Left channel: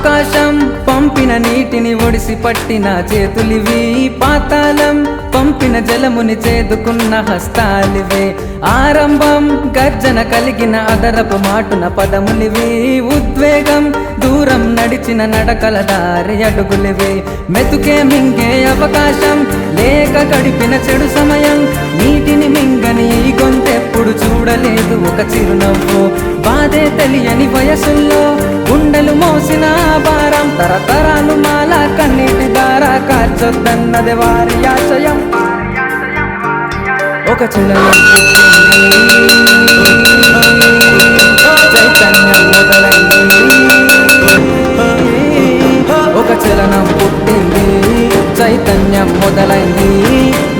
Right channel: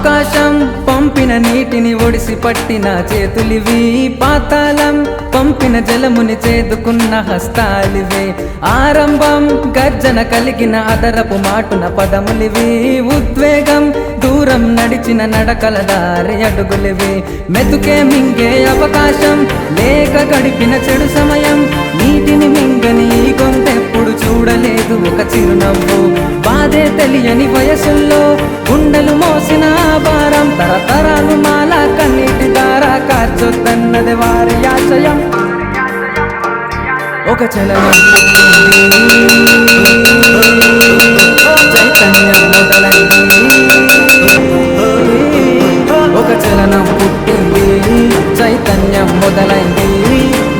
ఆకాశం పంపిన నీటిని ఒడిసి పట్టిన చేతులివి, పాతాళం పంపిన జలముని చేదుకున్న హస్తాలివే. ఆరంభం గర్జన కలిగిన అదరపు మాటున పదములివి, ఉద్వేగం దూరం నడిచిన నడకల దారి అడుగులివి. మెతుకే మింగే అవకాశం లేక గడిపిన చెడు సమయం, నీటిని మింగని ఈ గొంతెప్పుడు చూడలేదు ఒక చిరునవ్వు. బాధే తెలియని వయసుల్లో గుండెలు మోసిన భారం, తరతరాలు మాల కన్నీటి దారా కార్చొద్దన్నది వారి ఆశయం. ఒక చలనం పుట్టింది, చైతన్యం మొదలైంది. ఒక చలనం పుట్టింది, చైతన్యం మొదలైంది.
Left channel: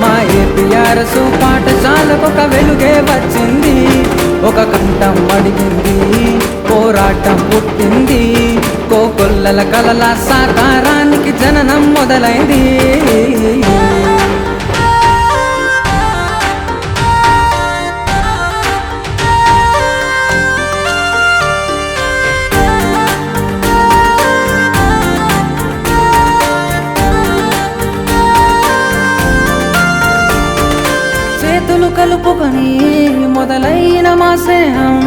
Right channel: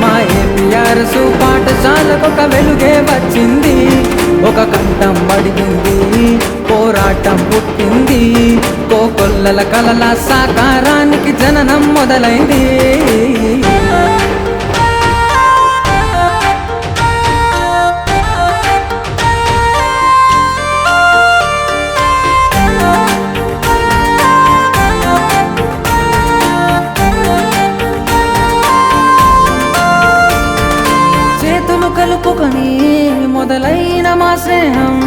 మా ఏపీఆర్ఎస్ పాఠశాలకొక వెలుగే వచ్చింది. ఒక కంఠం అడిగింది, పోరాటం పుట్టింది. కోకొల్లల కలల సాకారానికి జననం మొదలైంది. చేతులు కలుపుకొని మొదలైన మా స్నేహం,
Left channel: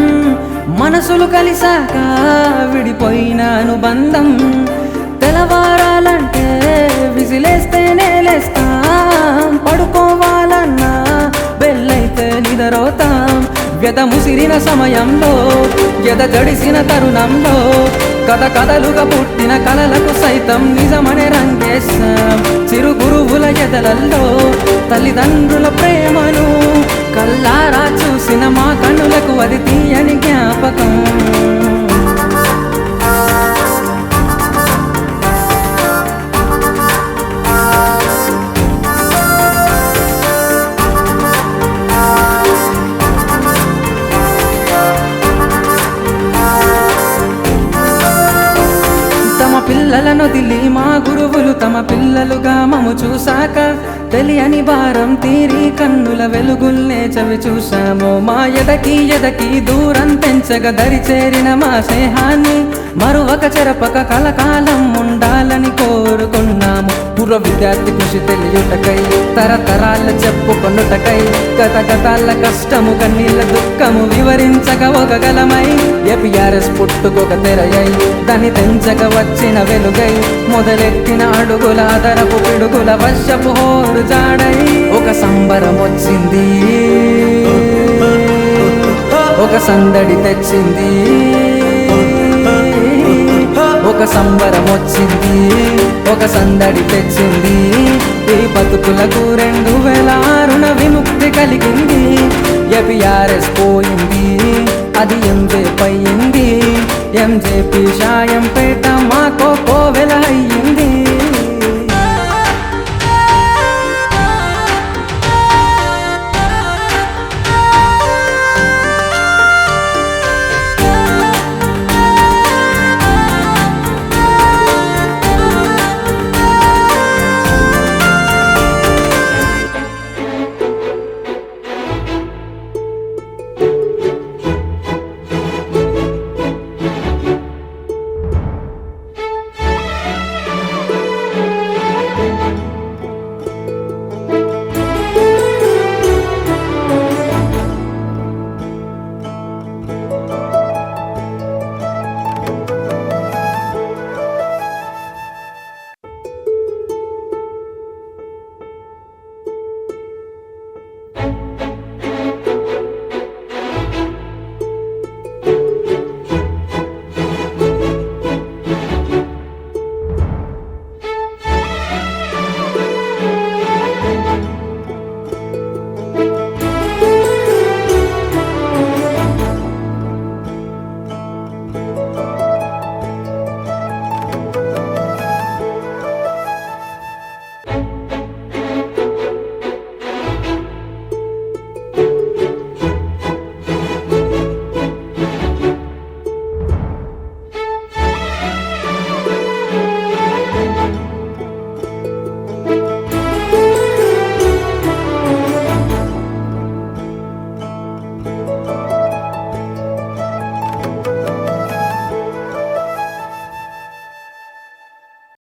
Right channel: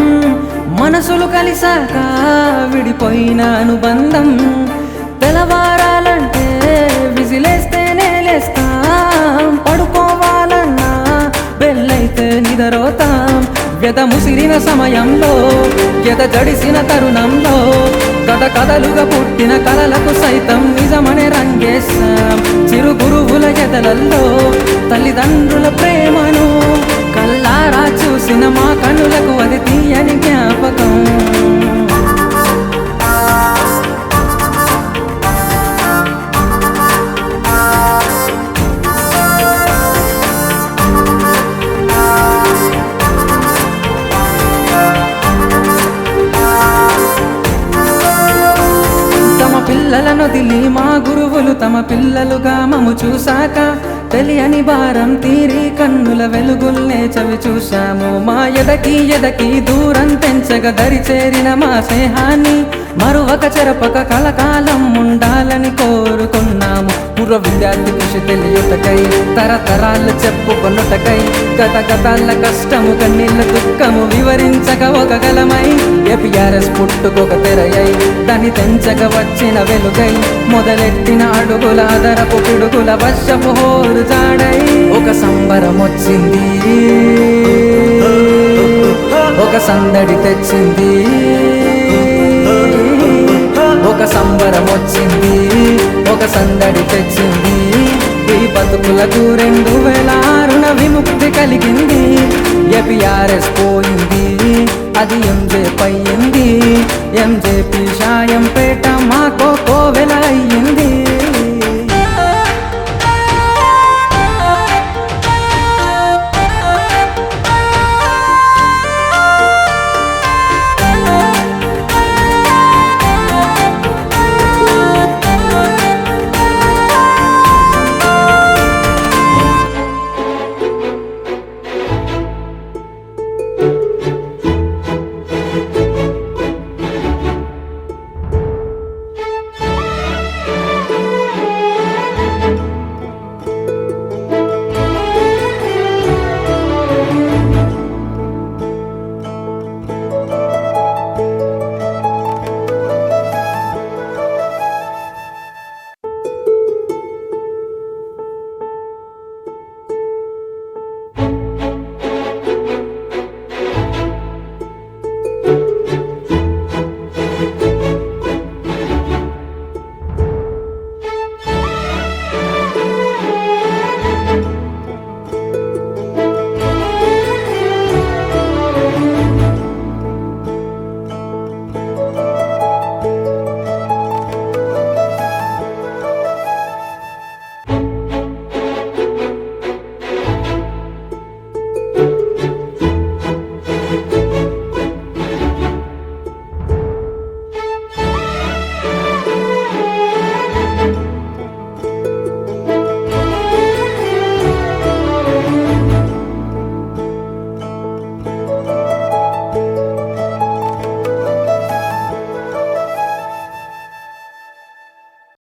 మనసులు కలిసాక విడిపోయిన అనుబంధం. తెల్లవారాలంటే విజిలేస్తేనే లేస్తాం, పడుకోవాలన్నా బెల్లైతే నిద్రపోతాం. వ్యధ ముసిరిన సమయంలో, ఎద జడిసిన తరుణంలో, కథ కథలుగా పుట్టిన కలలకు సైతం నిజమనే రంగేశాం. చిరు గురువుల ఎదలల్లో తల్లిదండ్రుల ప్రేమను కల్లారా చూసిన మా కన్నులకు అది తీయని జ్ఞాపకం. తమ పిల్లలను వదిలి మా గురువులు తమ పిల్లలుగా మము చూశాక, తెలియని భారం తీరి కన్నుల వెలుగుల్నే చవి చూశాము. మా ఎదకి దూరం తెంచగ దరి చేరిన మా స్నేహాన్ని మరువక చెరపక కలకాలం ఉండాలని కోరుకున్నాము. పూర్వ విద్యార్థి కృషి తెలియుటకై, తరతరాలు చెప్పుకొనుటకై, గతగతాల కష్టము కన్నీళ్ళ దుఃఖము వివరించక ఒక గలమై, ఏపీఆర్ఎస్ పుట్టుకొక తెరయై, దాన్ని తెంచక వచ్చిన వెలుగై, మొదలెట్టిన అడుగుల అదరపు పిడుగుల వర్షపు హోరు జాడై. ఒక సంబరం వచ్చింది, ఒక సందడి తెచ్చింది. ఒక సంబరం వచ్చింది, ఒక సందడి తెచ్చింది. ఈ బతుకులకు 2006న విముక్తి కలిగింది. ఏపీఆర్ఎస్ పోయింది, అది ఎంజేపీ అయ్యింది. ఎంజేపీ షాయంపేట మాకో కోవెల అయ్యింది.